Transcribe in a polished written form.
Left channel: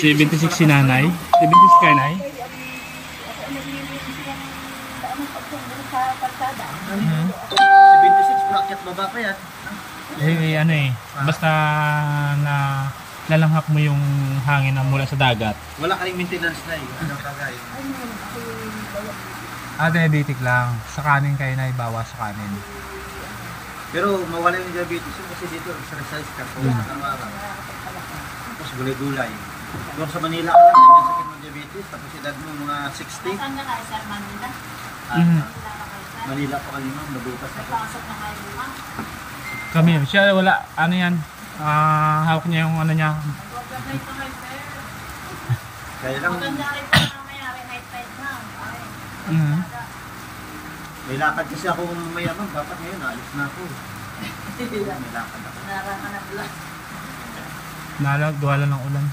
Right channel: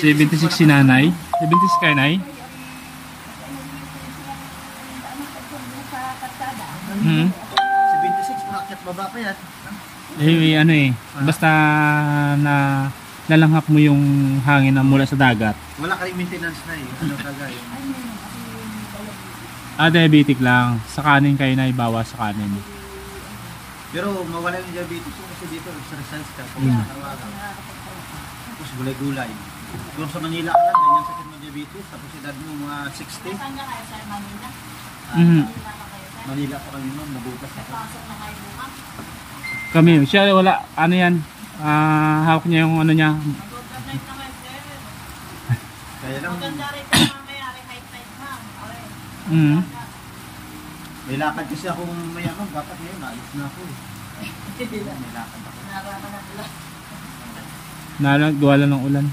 76 si nanay. 76 kay nay. Hmm. 76 bracket baba pa yan. Ano basta na lalanghap mo yung hangin na mula sa dagat. Wala ka ring maintenance na ano kagaya. Diabetic lang. Sa kanin kayo na ibawas sa kanin. Pero mawala yung diabetes kasi dito exercise ka kung araw-araw. Tapos gulay-gulay. Kung sa Manila ka lang, may sakit mo diabetes, tapos edad mo mga 60. Saan na kayo, sir? Manila? Manila pa kanina, nabutas ako. Pasok na kayo mga? Kami, siya wala, ano yan, hawak niya yung ano niya. Kaya lang, Maganda rin po namin, high tide na. may lakad kasi ako mayaman, dapat ngayon, naalis na ako. May lakad ako. Naraman na lang. Nalagduwala ng ulan.